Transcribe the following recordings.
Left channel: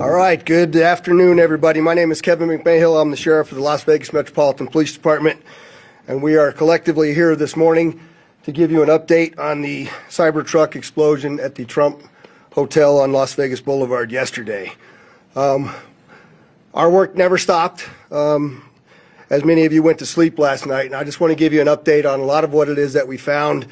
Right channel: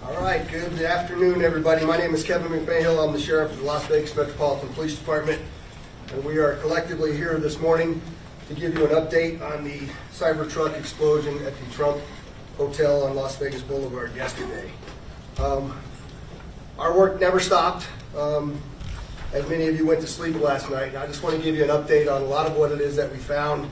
All right, good afternoon, everybody. My name is Kevin McMahill. I'm the sheriff of the Las Vegas Metropolitan Police Department, and we are collectively here this morning to give you an update on the Cybertruck explosion at the Trump Hotel on Las Vegas Boulevard yesterday. Our work never stopped, as many of you went to sleep last night, and I just want to give you an update on a lot of what it is that we found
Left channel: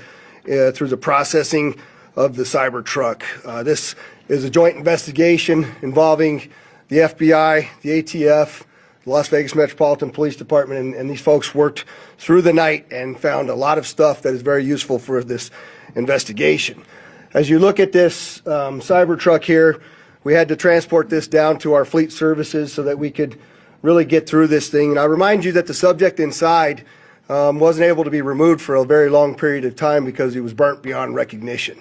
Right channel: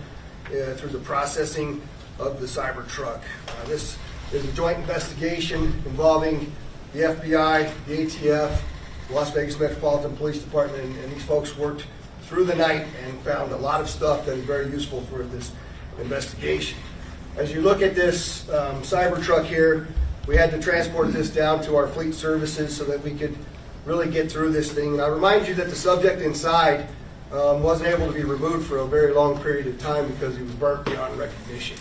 through the processing of the Cybertruck. This is a joint investigation involving the FBI, the ATF, the Las Vegas Metropolitan Police Department, and these folks worked through the night and found a lot of stuff that is very useful for this investigation. As you look at this Cybertruck here, we had to transport this down to our fleet services so that we could really get through this thing. And I remind you that the subject inside wasn't able to be removed for a very long period of time because he was burnt beyond recognition.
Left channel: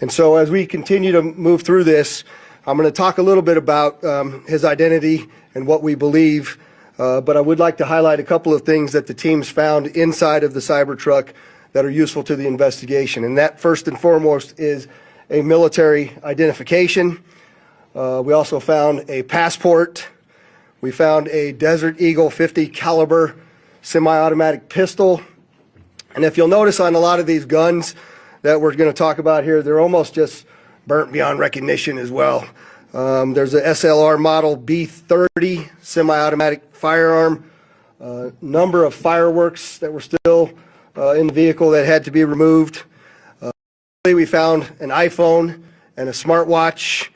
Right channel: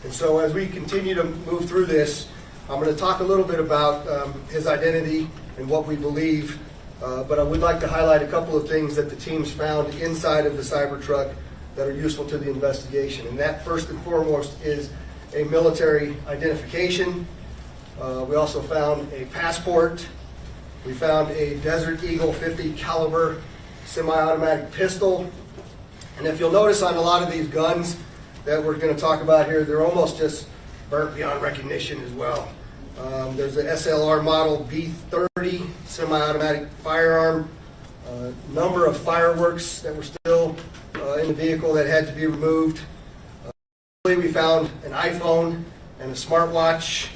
And so as we continue to move through this, I'm going to talk a little bit about his identity and what we believe, but I would like to highlight a couple of things that the teams found inside of the Cybertruck that are useful to the investigation. And that, first and foremost, is a military identification. We also found a passport. We found a Desert Eagle 50 caliber semi-automatic pistol. And if you'll notice on a lot of these guns that we're going to talk about here, they're almost just burnt beyond recognition as well. There's a SLR model B30 semi-automatic firearm, number of fireworks that were still in the vehicle that had to be removed. We found an iPhone and a smartwatch,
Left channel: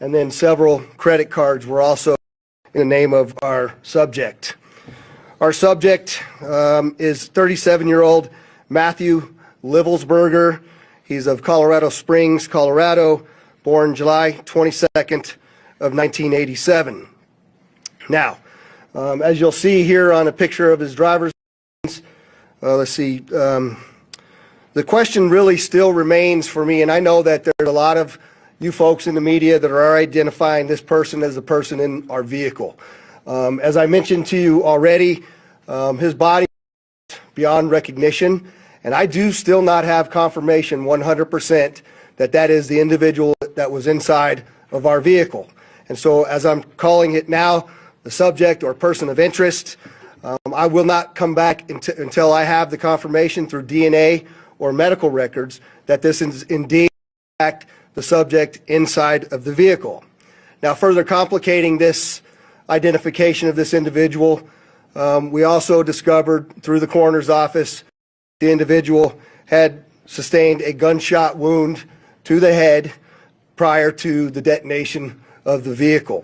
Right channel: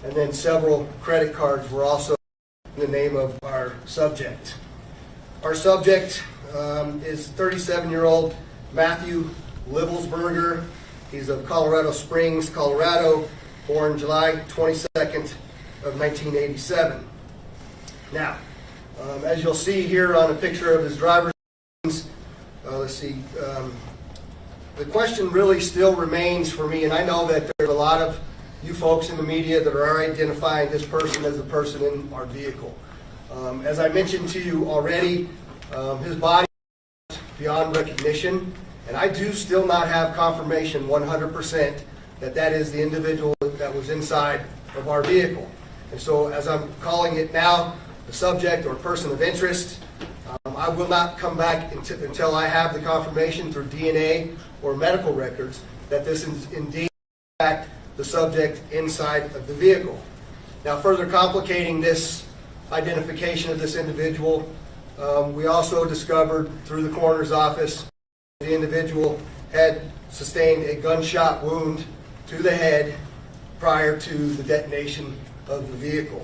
and then several credit cards were also in the name of our subject. Our subject is 37-year-old Matthew Livelsberger. He's of Colorado Springs, Colorado, born July 22nd of 1987. Now, as you'll see here on a picture of his driver's license, let's see, the question really still remains for me, and I know that there's a lot of you folks in the media that are identifying this person as the person in our vehicle. As I mentioned to you already, his body is beyond recognition. And I do still not have confirmation 100% that that is the individual that was inside of our vehicle. And so as I'm calling it now, the subject or person of interest, I will not come back until I have the confirmation through DNA or medical records that this is indeed in fact the subject inside of the vehicle. Now, further complicating this identification of this individual, we also discovered through the coroner's office the individual had sustained a gunshot wound to the head prior to the detonation of the vehicle.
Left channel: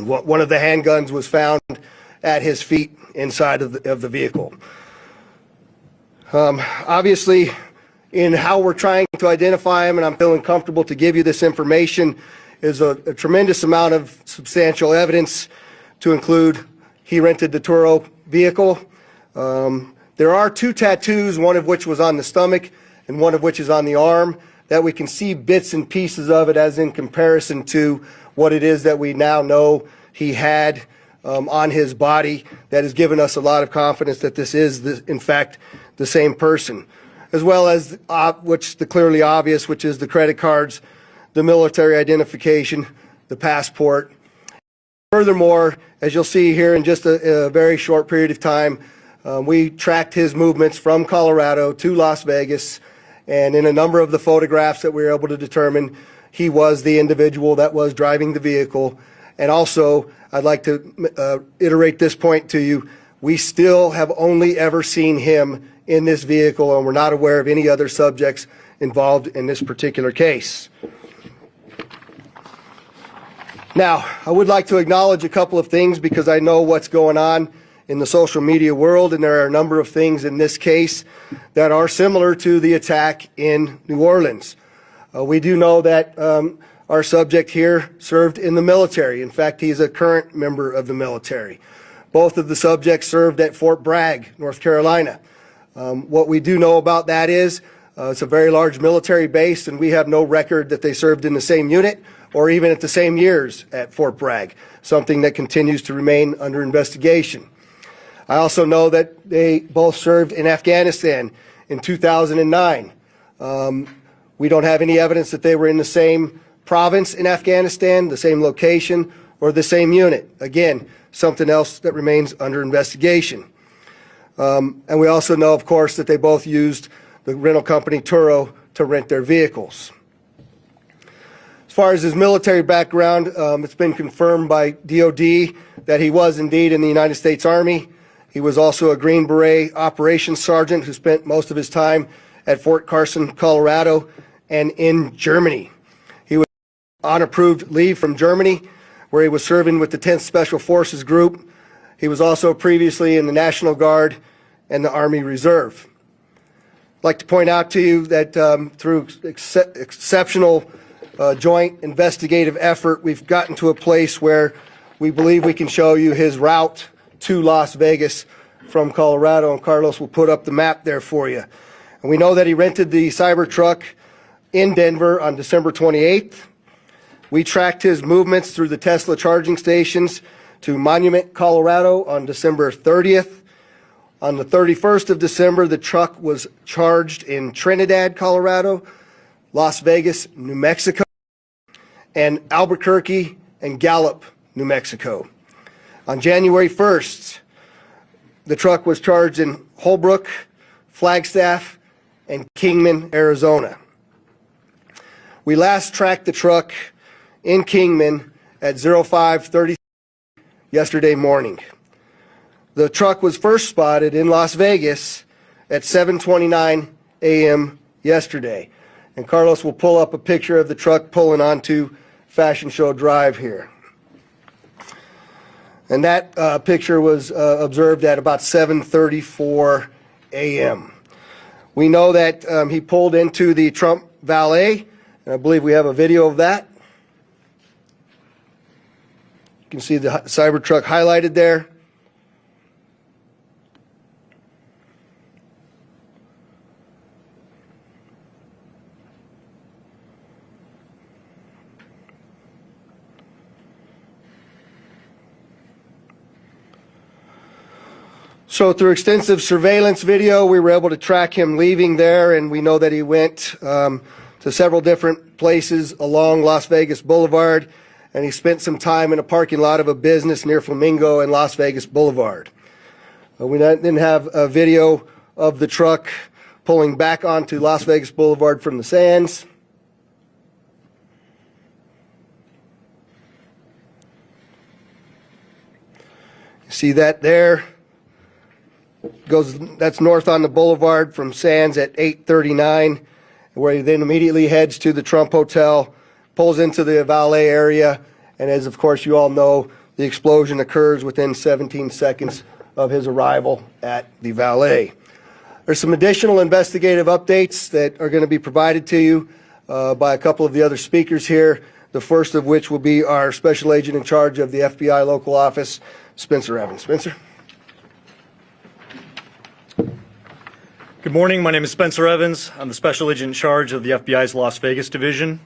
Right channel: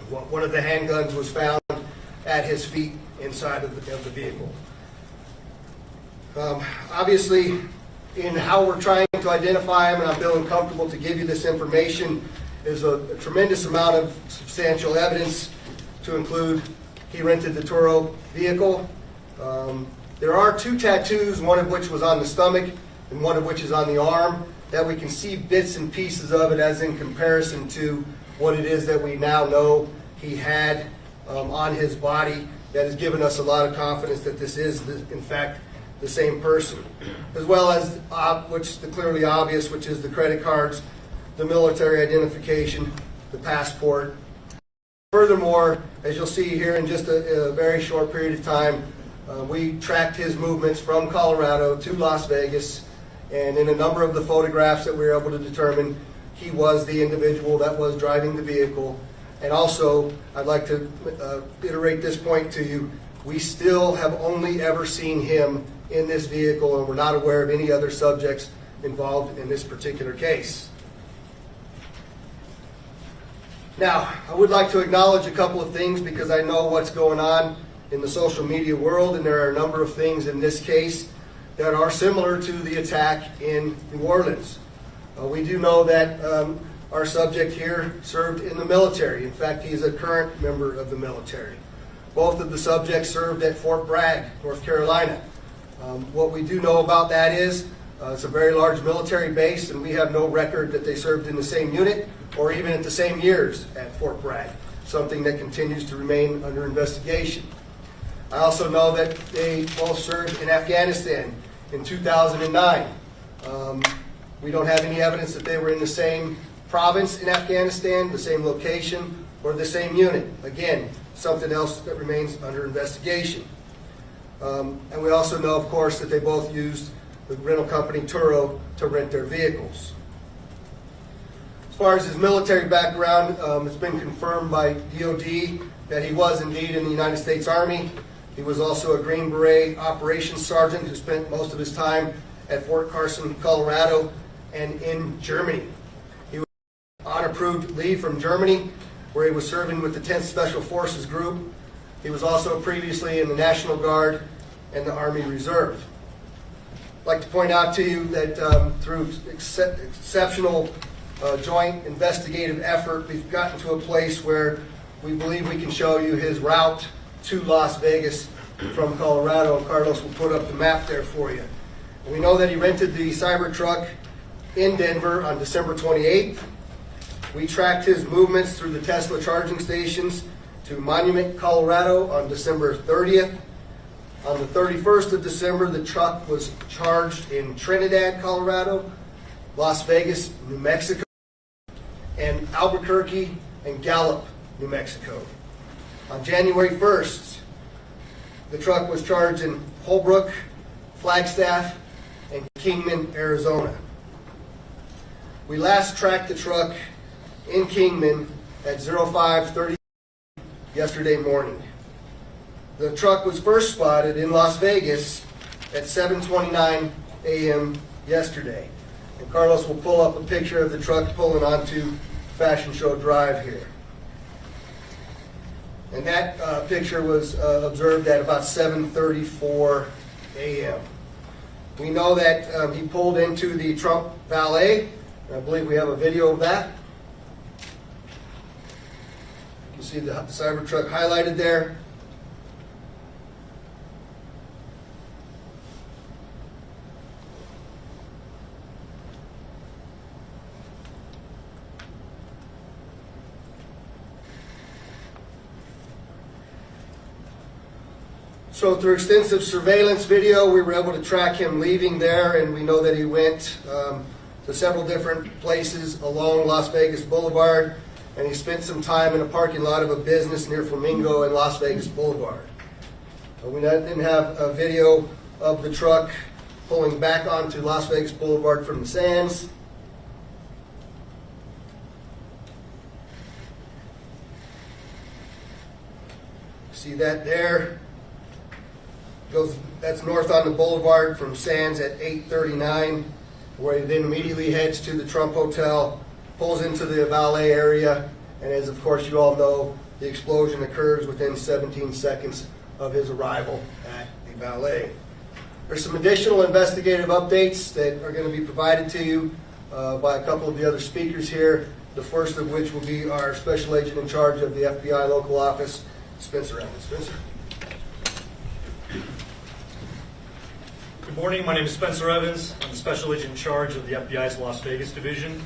One of the handguns was found at his feet inside of the vehicle. Obviously, in how we're trying to identify him, and I'm feeling comfortable to give you this information, is a tremendous amount of substantial evidence to include he rented the Turo vehicle. There are two tattoos, one of which was on the stomach and one of which is on the arm, that we can see bits and pieces of it as in comparison to what it is that we now know he had on his body. That has given us a lot of confidence that this is, in fact, the same person. As well as, which the clearly obvious, which is the credit cards, the military identification, the passport. Furthermore, as you'll see here in just a very short period of time, we tracked his movements from Colorado to Las Vegas, and in a number of the photographs that we were able to determine, he was the individual that was driving the vehicle. And also, I'd like to iterate this point to you, we still have only ever seen him in this vehicle, and we're not aware of any other subjects involved in this particular case. Now, I would like to acknowledge a couple of things because I know what's going on in the social media world, and there are a number of things in this case that are similar to the attack in New Orleans. We do know that our subject here served in the military. In fact, he's a current member of the military. Both of the subjects served at Fort Bragg, North Carolina. What we do know about that is it's a very large military base, and we have no record that they served in the same unit or even at the same years at Fort Bragg, something that continues to remain under investigation. I also know that they both served in Afghanistan in 2009. We don't have any evidence that they were in the same province in Afghanistan, the same location, or the same unit. Again, something else that remains under investigation. And we also know, of course, that they both used the rental company Turo to rent their vehicles. As far as his military background, it's been confirmed by DOD that he was indeed in the United States Army. He was also a Green Beret operations sergeant who spent most of his time at Fort Carson, Colorado, and in Germany. He was on approved leave from Germany, where he was serving with the 10th Special Forces Group. He was also previously in the National Guard and the Army Reserve. I'd like to point out to you that through exceptional joint investigative effort, we've gotten to a place where we believe we can show you his route to Las Vegas from Colorado, and Carlos will put up the map there for you. And we know that he rented the Cybertruck in Denver on December 28th. We tracked his movements through the Tesla charging stations to Monument, Colorado on December 30th. On the 31st of December, the truck was charged in Trinidad, Colorado, Las Vegas, New Mexico, and Albuquerque and Gallup, New Mexico. On January 1st, the truck was charged in Holbrook, Flagstaff, and Kingman, Arizona. We last tracked the truck in Kingman at 05:30 yesterday morning. The truck was first spotted in Las Vegas at 7:29 a.m. yesterday. And Carlos will pull up a picture of the truck pulling onto Fashion Show Drive here. And that picture was observed at about 7:34 a.m. We know that he pulled into the Trump Valet. I believe we have a video of that. You can see the Cybertruck highlighted there. So through extensive surveillance video, we were able to track him leaving there, and we know that he went to several different places along Las Vegas Boulevard, and he spent some time in a parking lot of a business near Flamingo and Las Vegas Boulevard. We then have a video of the truck pulling back onto Las Vegas Boulevard from the sands. See that there? That's north on the boulevard from Sands at 8:39, where he then immediately heads to the Trump Hotel, pulls into the valet area, and as of course you all know, the explosion occurs within 17 seconds of his arrival at the valet. There's some additional investigative updates that are going to be provided to you by a couple of the other speakers here, the first of which will be our Special Agent in charge of the FBI local office, Spencer Evans. Spencer? Good morning, my name is Spencer Evans. I'm the Special Agent in charge of the FBI's Las Vegas Division.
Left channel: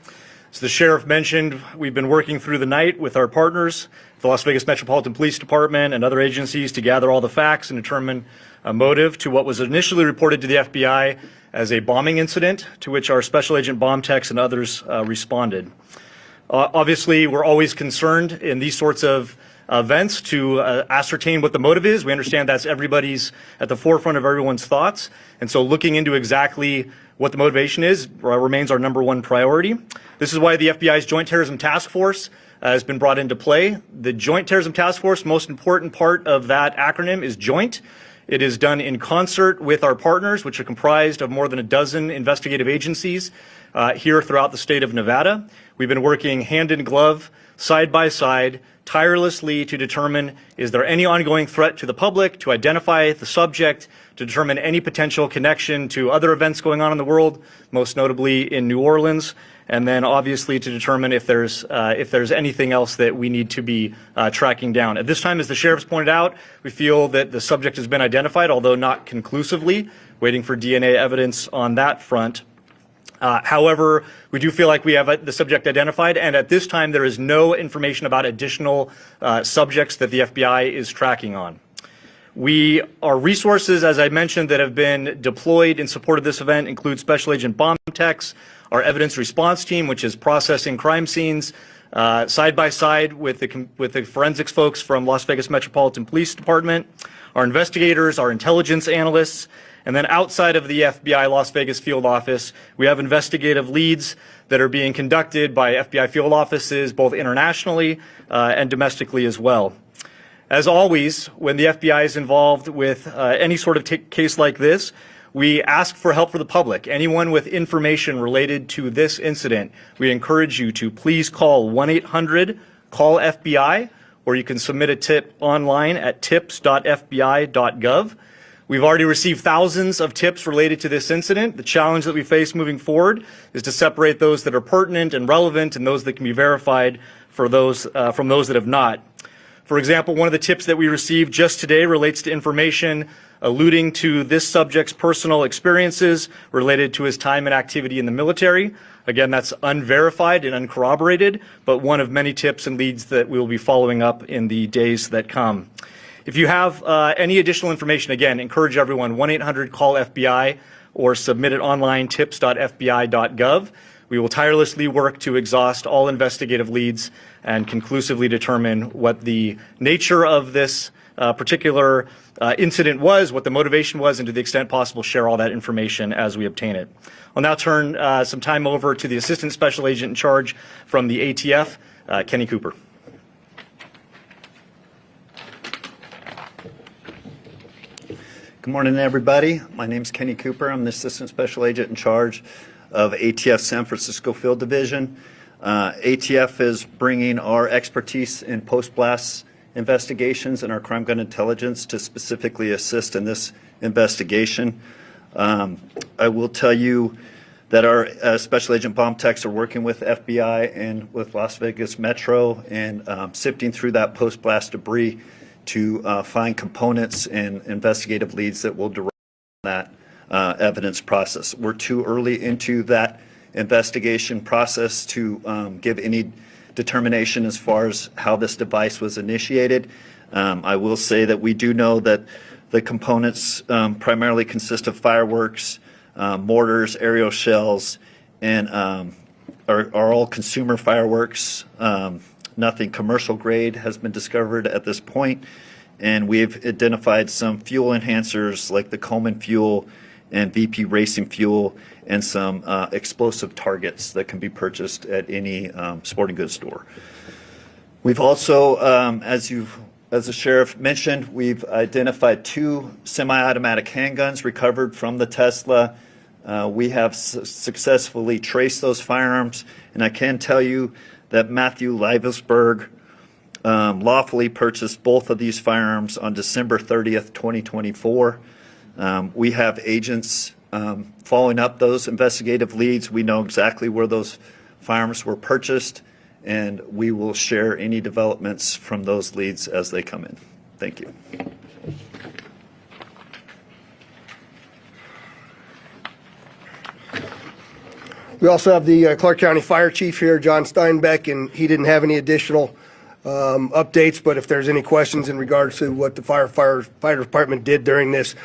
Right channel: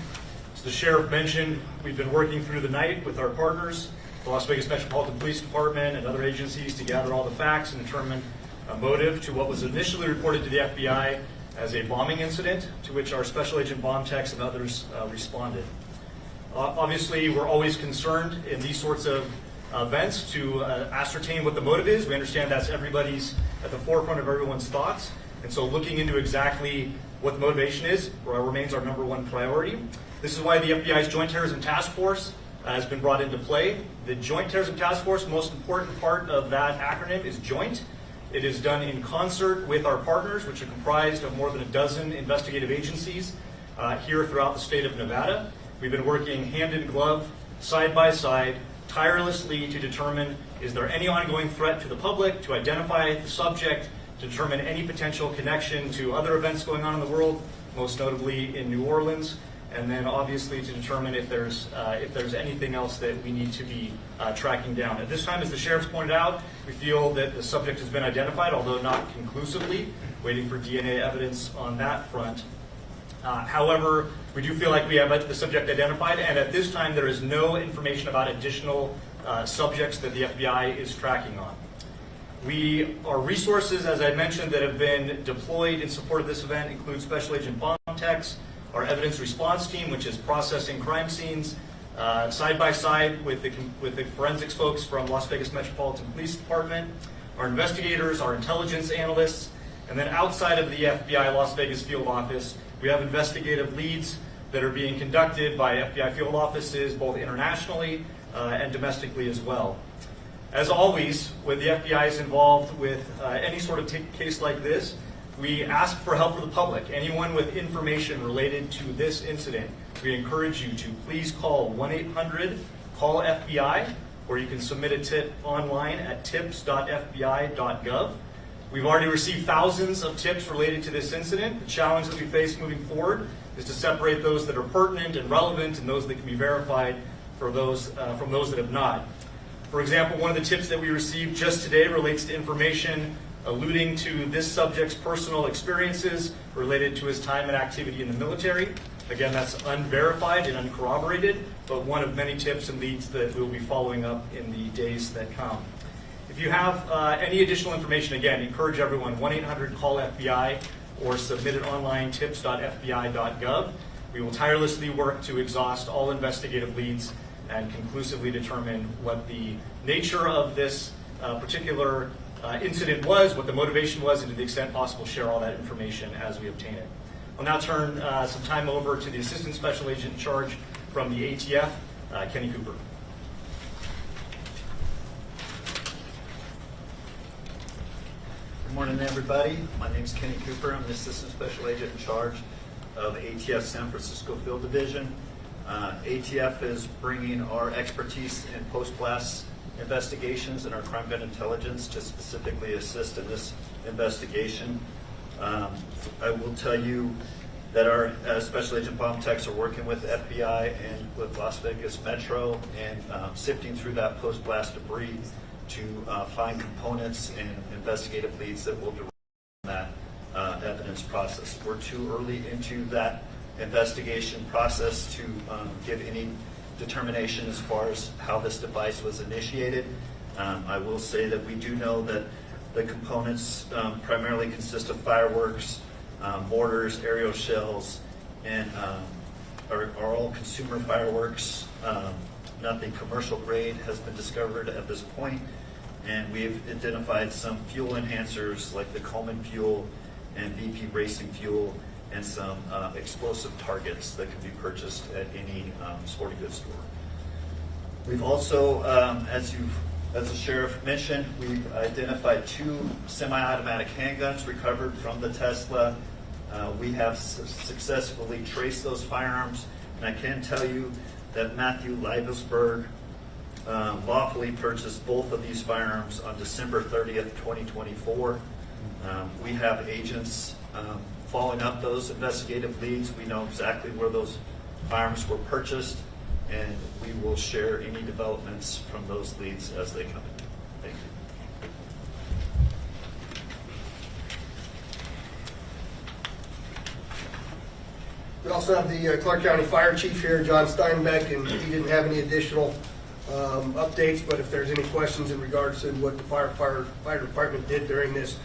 As the Sheriff mentioned, we've been working through the night with our partners, the Las Vegas Metropolitan Police Department and other agencies, to gather all the facts and determine a motive to what was initially reported to the FBI as a bombing incident, to which our Special Agent bomb techs and others responded. Obviously, we're always concerned in these sorts of events to ascertain what the motive is. We understand that's everybody's at the forefront of everyone's thoughts. And so looking into exactly what the motivation is remains our #1 priority. This is why the FBI's Joint Terrorism Task Force has been brought into play. The Joint Terrorism Task Force, most important part of that acronym is joint. It is done in concert with our partners, which are comprised of more than a dozen investigative agencies here throughout the state of Nevada. We've been working hand in glove, side by side, tirelessly to determine, is there any ongoing threat to the public, to identify the subject, to determine any potential connection to other events going on in the world, most notably in New Orleans, and then obviously to determine if there's anything else that we need to be tracking down. At this time, as the Sheriff's pointed out, we feel that the subject has been identified, although not conclusively, waiting for DNA evidence on that front. However, we do feel like we have the subject identified, and at this time there is no information about additional subjects that the FBI is tracking on. Our resources, as I mentioned, that have been deployed in support of this event include Special Agent bomb techs, our evidence response team, which is processing crime scenes, side by side with the forensics folks from Las Vegas Metropolitan Police Department, our investigators, our intelligence analysts, and then outside of the FBI Las Vegas field office, we have investigative leads that are being conducted by FBI field offices both internationally and domestically as well. As always, when the FBI is involved with any sort of case like this, we ask for help for the public. Anyone with information related to this incident, we encourage you to please call 1-800-CALL-FBI, or you can submit a tip online at tips.fbi.gov. We've already received thousands of tips related to this incident. The challenge that we face moving forward is to separate those that are pertinent and relevant and those that can be verified for those, from those that have not. For example, one of the tips that we received just today relates to information alluding to this subject's personal experiences related to his time and activity in the military. Again, that's unverified and uncorroborated, but one of many tips and leads that we will be following up in the days that come. If you have any additional information, again, encourage everyone, 1-800-CALL-FBI or submit it online, tips.fbi.gov. We will tirelessly work to exhaust all investigative leads and conclusively determine what the nature of this particular incident was, what the motivation was, and to the extent possible, share all that information as we obtain it. I'll now turn some time over to the Assistant Special Agent in charge from the ATF, Kenny Cooper. Good morning, everybody. My name is Kenny Cooper. I'm the Assistant Special Agent in charge of ATF San Francisco Field Division. ATF is bringing our expertise in post-blast investigations and our crime gun intelligence to specifically assist in this investigation. I will tell you that our Special Agent bomb techs are working with FBI and with Las Vegas Metro and sifting through that post-blast debris to find components and investigative leads that will derive from that evidence process. We're too early into that investigation process to give any determination as far as how this device was initiated. I will say that we do know that the components primarily consist of fireworks, mortars, aerial shells, and are all consumer fireworks. Nothing commercial grade has been discovered at this point, and we've identified some fuel enhancers like the Coleman fuel and VP racing fuel and some explosive targets that can be purchased at any sporting goods store. We've also, as the sheriff mentioned, we've identified 2 semi-automatic handguns recovered from the Tesla. We have successfully traced those firearms, and I can tell you that Matthew Livelsberger lawfully purchased both of these firearms on December 30th, 2024. We have agents following up those investigative leads. We know exactly where those firearms were purchased, and we will share any developments from those leads as they come in. Thank you. We also have the Clark County Fire Chief here, John Steinbeck, and he didn't have any additional updates, but if there's any questions in regards to what the fire department did during this,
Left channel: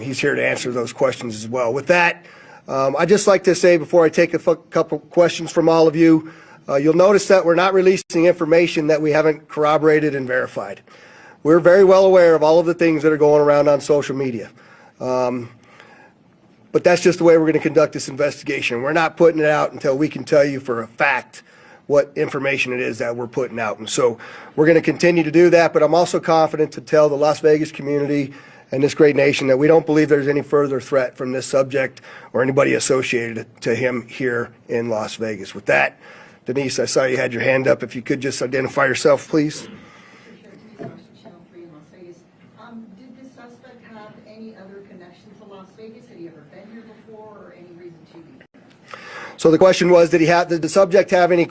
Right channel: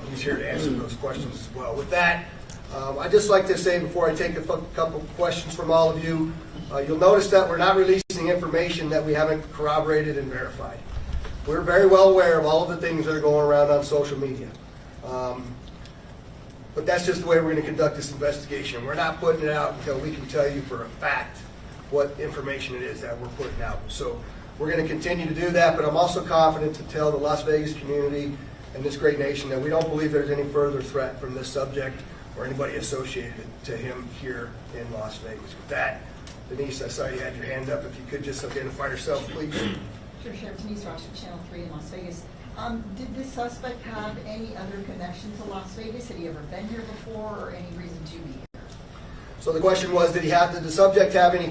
he's here to answer those questions as well. With that, I'd just like to say before I take a couple questions from all of you, you'll notice that we're not releasing information that we haven't corroborated and verified. We're very well aware of all of the things that are going around on social media. But that's just the way we're going to conduct this investigation. We're not putting it out until we can tell you for a fact what information it is that we're putting out. And so we're going to continue to do that, but I'm also confident to tell the Las Vegas community and this great nation that we don't believe there's any further threat from this subject or anybody associated to him here in Las Vegas. With that, Denise, I saw you had your hand up. If you could just identify yourself, please. Sure, Sheriff. Denise Ross from Channel 3 in Las Vegas. Did this suspect have any other connection to Las Vegas? Had he ever been here before, or any reason to be here? So the question was, did the subject have any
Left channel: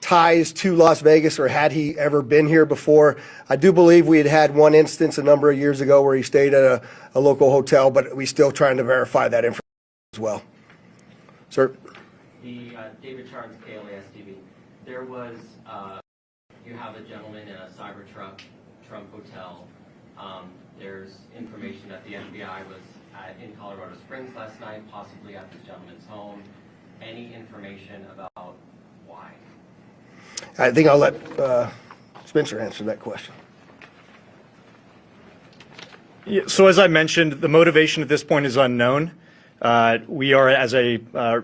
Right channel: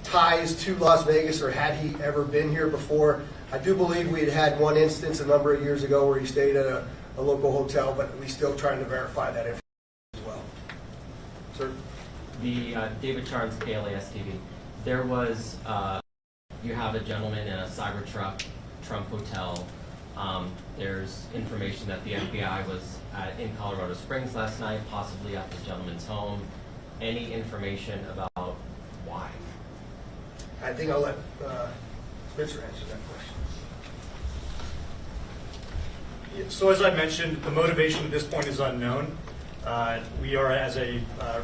ties to Las Vegas, or had he ever been here before? I do believe we had one instance a number of years ago where he stayed at a local hotel, but we're still trying to verify that information as well. Sir? The David Charles, KLAS TV. There was, you have a gentleman in a Cybertruck, Trump Hotel. There's information that the FBI was in Colorado Springs last night, possibly at this gentleman's home. any information about why? I think I'll let Spencer answer that question. Yeah, so as I mentioned, the motivation at this point is unknown. We are, as I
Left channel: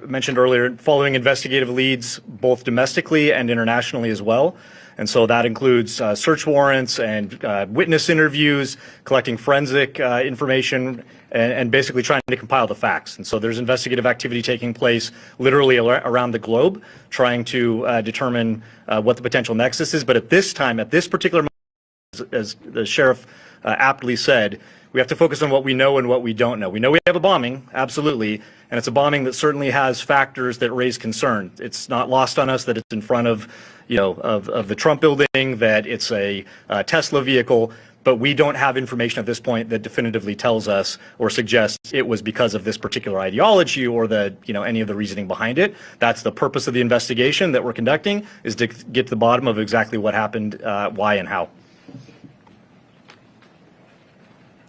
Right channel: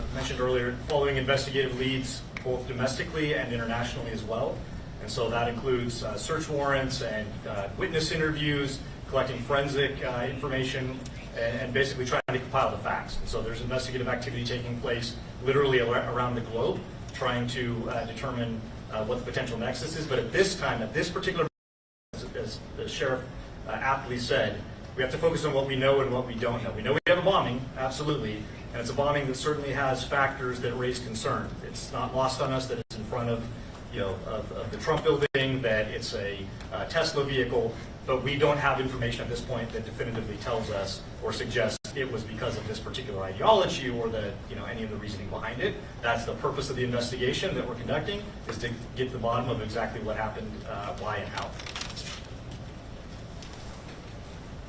mentioned earlier, following investigative leads both domestically and internationally as well. And so that includes search warrants and witness interviews, collecting forensic information, and basically trying to compile the facts. And so there's investigative activity taking place literally around the globe, trying to determine what the potential nexus is. But at this time, at this particular moment, as the sheriff aptly said, we have to focus on what we know and what we don't know. We know we have a bombing, absolutely, and it's a bombing that certainly has factors that raise concern. It's not lost on us that it's in front of, of the Trump building, that it's a Tesla vehicle, but we don't have information at this point that definitively tells us or suggests it was because of this particular ideology or the, any of the reasoning behind it. That's the purpose of the investigation that we're conducting, is to get to the bottom of exactly what happened, why and how.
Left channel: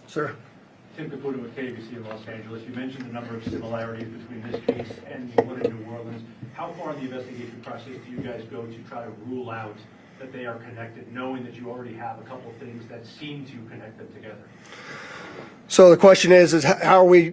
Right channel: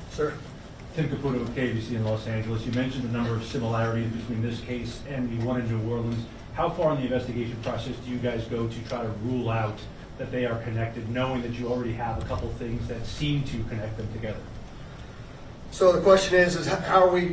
Sir? Tim Caputo with KBC in Los Angeles. You mentioned the number of similarities between this case and the one in New Orleans. How far in the investigation process do you guys go to try to rule out that they are connected, knowing that you already have a couple things that seem to connect them together? So the question is how are we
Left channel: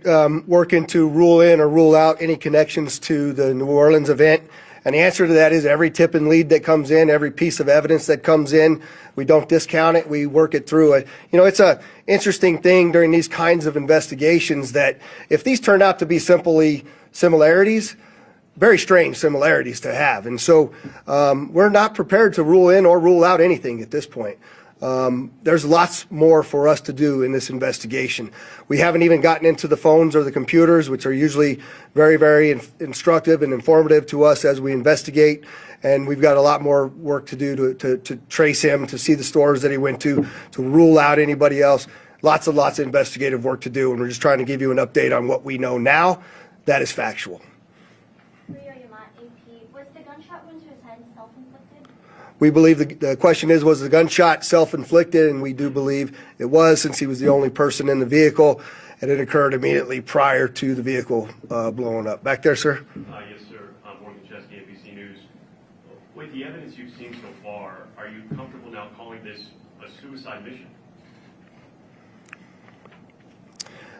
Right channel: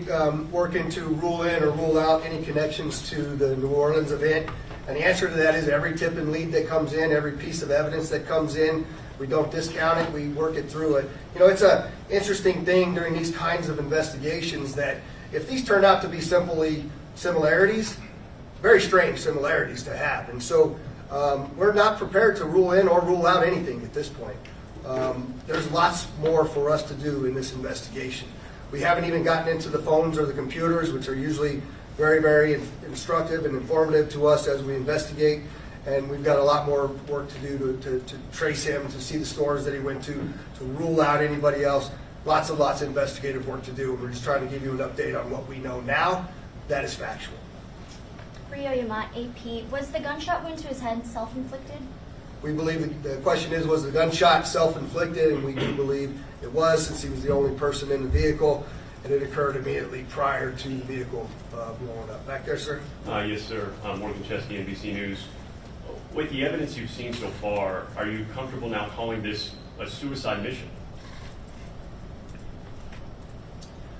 working to rule in or rule out any connections to the New Orleans event? And the answer to that is every tip and lead that comes in, every piece of evidence that comes in, we don't discount it, we work it through it. It's an interesting thing during these kinds of investigations that if these turn out to be simply similarities, very strange similarities to have. And so we're not prepared to rule in or rule out anything at this point. There's lots more for us to do in this investigation. We haven't even gotten into the phones or the computers, which are usually very, very instructive and informative to us as we investigate. And we've got a lot more work to do to trace him, to see the stores that he went to rule out anybody else. Lots and lots of investigative work to do, and we're just trying to give you an update on what we know now. That is factual. Rio Yamat, AP, was the gunshot wound to his head self-inflicted? We believe the question is, was the gunshot self-inflicted? And we do believe it was, since he was the only person in the vehicle, and it occurred immediately prior to the vehicle blowing up. Back there, sir? Yes, sir. Morgan Chesky, NBC News. With the evidence you've seen so far, are you comfortable now calling this a suicide mission?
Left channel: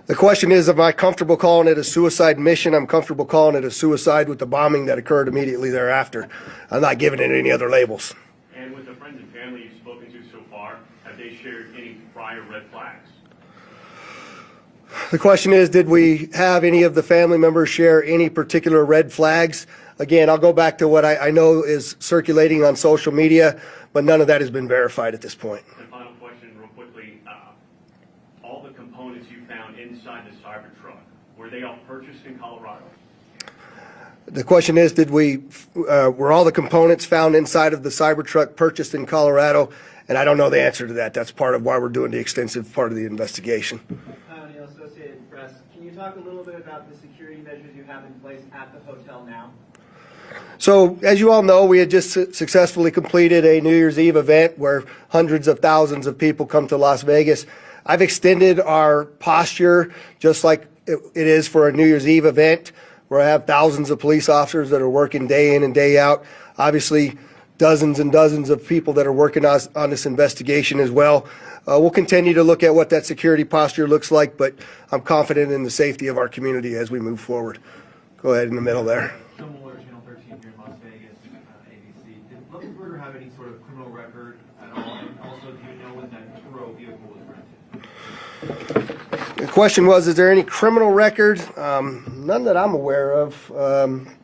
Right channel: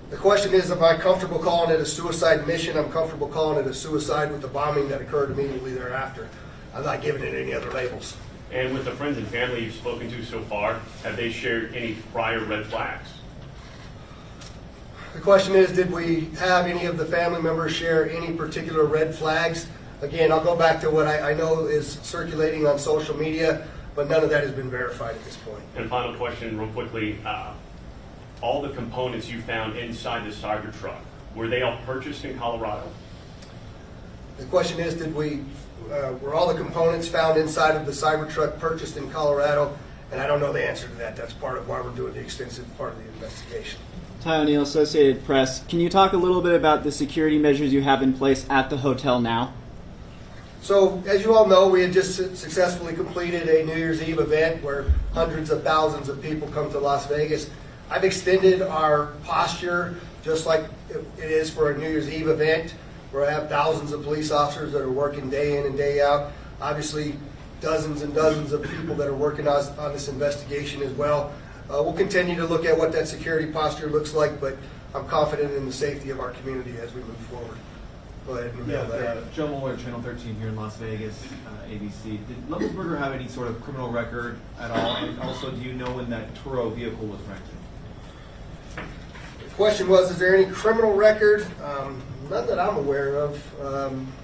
The question is, am I comfortable calling it a suicide mission? I'm comfortable calling it a suicide with the bombing that occurred immediately thereafter. I'm not giving it any other labels. And with the friends and family you've spoken to so far, have they shared any prior red flags? The question is, did we have any of the family members share any particular red flags? Again, I'll go back to what I know is circulating on social media, but none of that has been verified at this point. And final question, real quickly. All the components you found inside the Cybertruck, were they all purchased in Colorado? The question is, were all the components found inside of the Cybertruck purchased in Colorado? And I don't know the answer to that. That's part of why we're doing the extensive part of the investigation. Ty O'Neill, Associated Press. Can you talk a little bit about the security measures you have in place at the hotel now? So, as you all know, we had just successfully completed a New Year's Eve event where hundreds of thousands of people come to Las Vegas. I've extended our posture just like it is for a New Year's Eve event, where I have thousands of police officers that are working day in and day out. Obviously, dozens and dozens of people that are working on this investigation as well. We'll continue to look at what that security posture looks like, but I'm confident in the safety of our community as we move forward. Go ahead in the middle there. Joe Mueller, Channel 13 here in Las Vegas, ABC. Did Livelsberger have any sort of criminal record at all? And also, do you know when that Turo vehicle was rented? The question was, is there any criminal record? None that I'm aware of.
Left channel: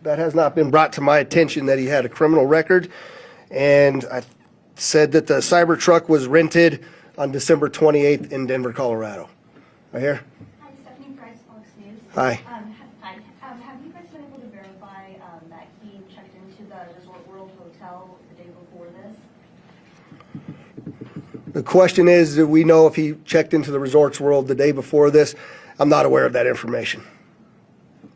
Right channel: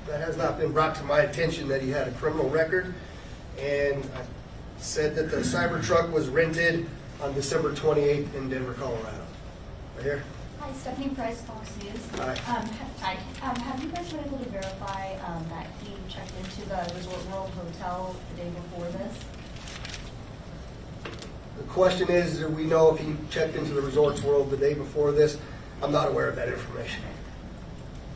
That has not been brought to my attention that he had a criminal record. And I said that the Cybertruck was rented on December 28th in Denver, Colorado. Right here. Hi, Stephanie Price, Fox News. Hi. Hi. Have you guys been able to verify that he checked into the Resort World Hotel the day before this? The question is, do we know if he checked into the Resorts World the day before this? I'm not aware of that information.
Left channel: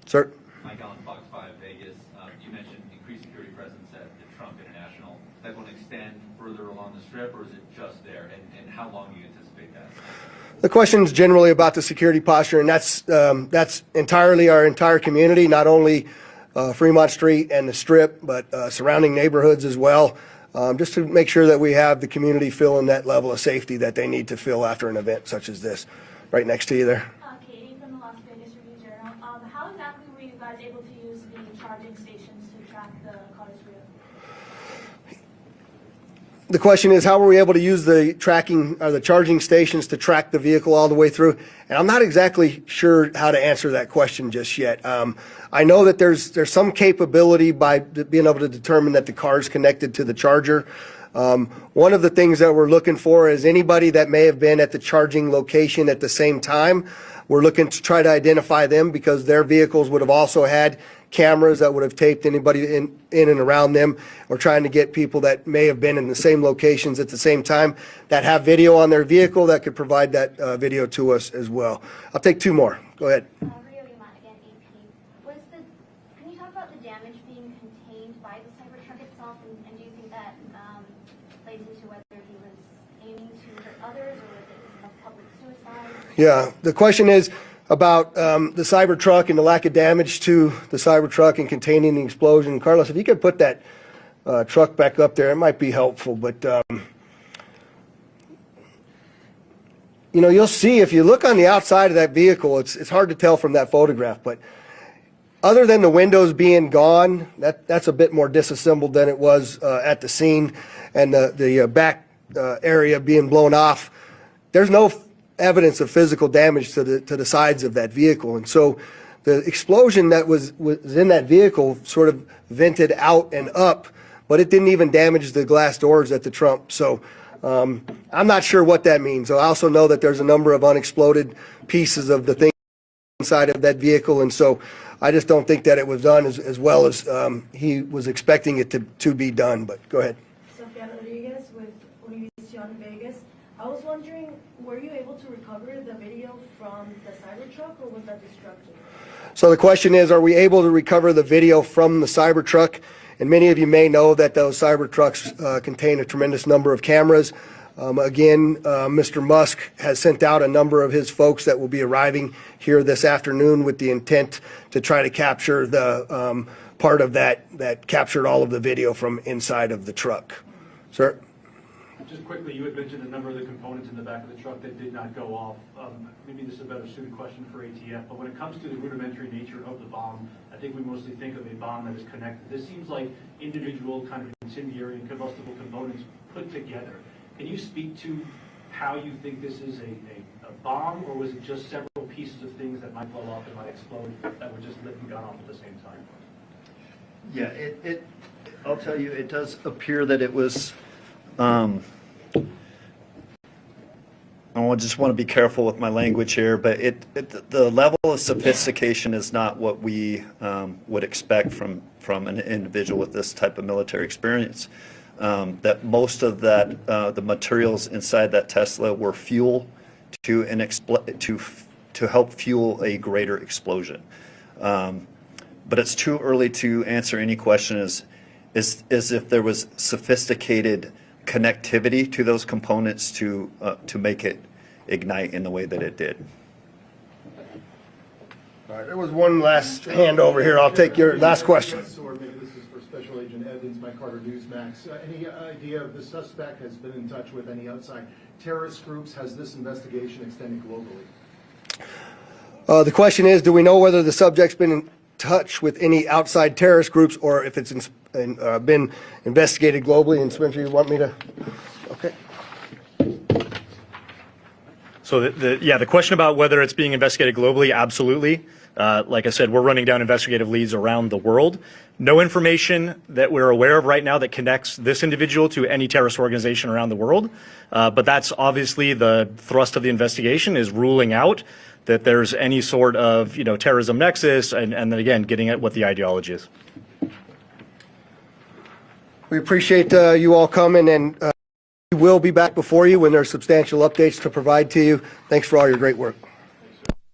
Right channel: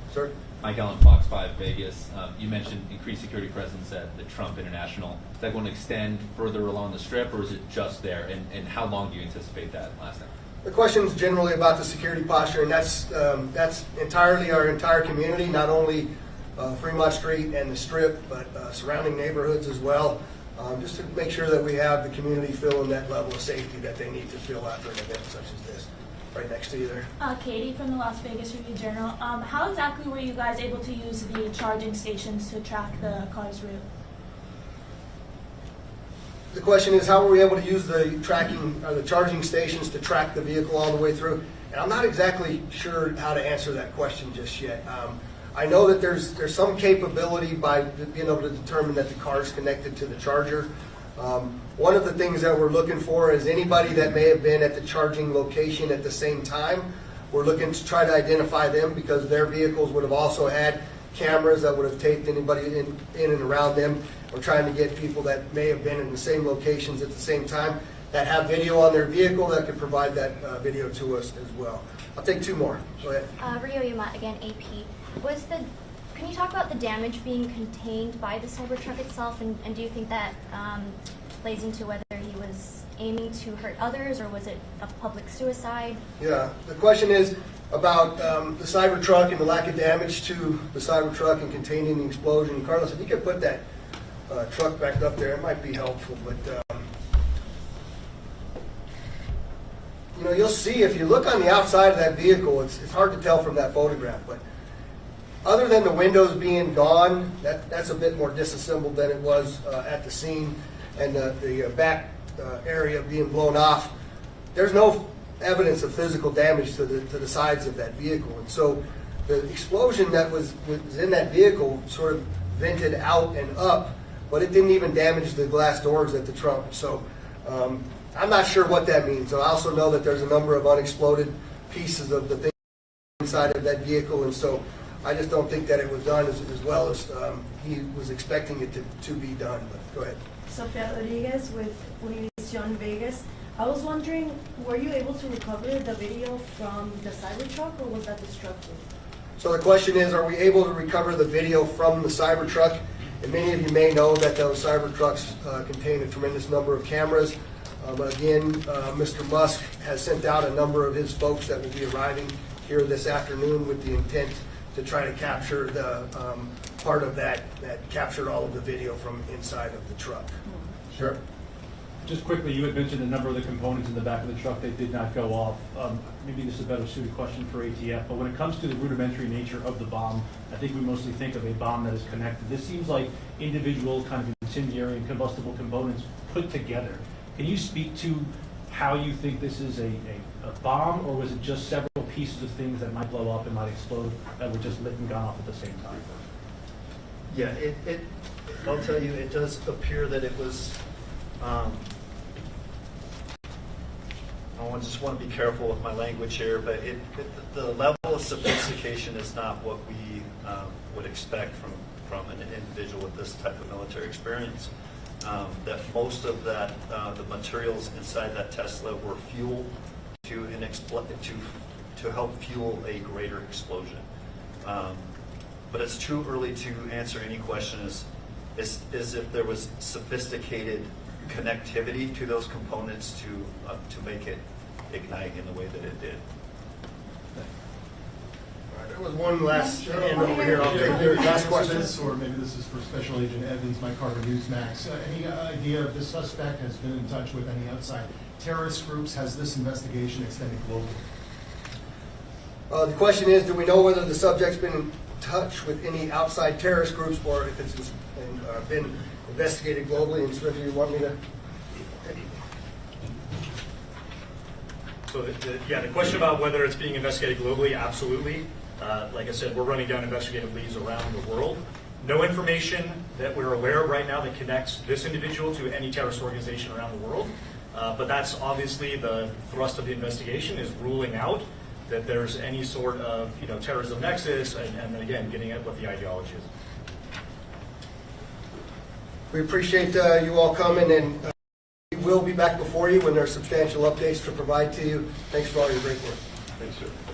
Sir? Mike Allen, Fox 5 Vegas. You mentioned increased security presence at the Trump International. Is that going to extend further along the Strip, or is it just there? And how long do you anticipate that lasting? The question is generally about the security posture, and that's entirely our entire community, not only Fremont Street and the Strip, but surrounding neighborhoods as well, just to make sure that we have the community feeling that level of safety that they need to feel after an event such as this. Right next to you there. Katie from the Las Vegas Review-Journal. How exactly were you guys able to use the charging stations to track the car's route? The question is, how were we able to use the tracking or the charging stations to track the vehicle all the way through? And I'm not exactly sure how to answer that question just yet. I know that there's some capability by being able to determine that the car is connected to the charger. One of the things that we're looking for is anybody that may have been at the charging location at the same time. We're looking to try to identify them because their vehicles would have also had cameras that would have taped anybody in and around them. We're trying to get people that may have been in the same locations at the same time that have video on their vehicle that could provide that video to us as well. I'll take two more. Go ahead. Rio Yumat, again, AP. Can you talk about the damage being contained by the Cybertruck itself, and do you think that plays into whether he was aiming to hurt others, or was it a public suicide? Yeah, the question is about the Cybertruck and the lack of damage to the Cybertruck and containing the explosion. Carlos, if you could put that truck back up there, it might be helpful. But you know, you'll see if you look on the outside of that vehicle, it's hard to tell from that photograph, but other than the windows being gone, that's a bit more disassembled than it was at the scene, and the back area being blown off. There's no evidence of physical damage to the sides of that vehicle, and so the explosion that was in that vehicle sort of vented out and up, but it didn't even damage the glass doors at the trunk. So I'm not sure what that means. I also know that there's a number of unexploded pieces of the thing inside of that vehicle, and so I just don't think that it was done as well as he was expecting it to be done. But go ahead. Sofia Rodriguez with Univision Vegas. I was wondering, were you able to recover the video from the Cybertruck, or was that destructive? So the question is, are we able to recover the video from the Cybertruck? And many of you may know that those Cybertrucks contain a tremendous number of cameras. Again, Mr. Musk has sent out a number of his folks that will be arriving here this afternoon with the intent to try to capture the part of that captured all of the video from inside of the truck. Sir? Just quickly, you had mentioned a number of the components in the back of the truck that did not go off. Maybe this is a better suited question for ATF, but when it comes to the rudimentary nature of the bomb, I think we mostly think of a bomb that is connected. This seems like individual kind of incendiary and combustible components put together. Can you speak to how you think this is a bomb, or was it just several pieces of things that might blow up and might explode that were just lit and gone off at the same time? Yeah, I'll tell you, it does appear that it was, I just want to be careful with my language here, but the level of sophistication is not what we would expect from an individual with this type of military experience. That most of that, the materials inside that Tesla were fuel to help fuel a greater explosion. But it's too early to answer any question is if there was sophisticated connectivity to those components to make it ignite in the way that it did. All right, there was one last hand over here. I'll take your last question. Or maybe this is for Special Agent Evans, Mike Carter, Newsmax. Any idea if the suspect has been in touch with any outside terrorist groups? Has this investigation extended globally? The question is, do we know whether the subject's been in touch with any outside terrorist groups, or if it's been investigated globally? And Spencer, you want me to? Okay. So the question about whether it's being investigated globally, absolutely. Like I said, we're running down investigative leads around the world. No information that we're aware of right now that connects this individual to any terrorist organization around the world. But that's obviously the thrust of the investigation, is ruling out that there's any sort of terrorism nexus, and then again getting at what the ideology is. We appreciate you all coming, and we will be back before you when there's substantial updates to provide to you. Thanks for all your great work.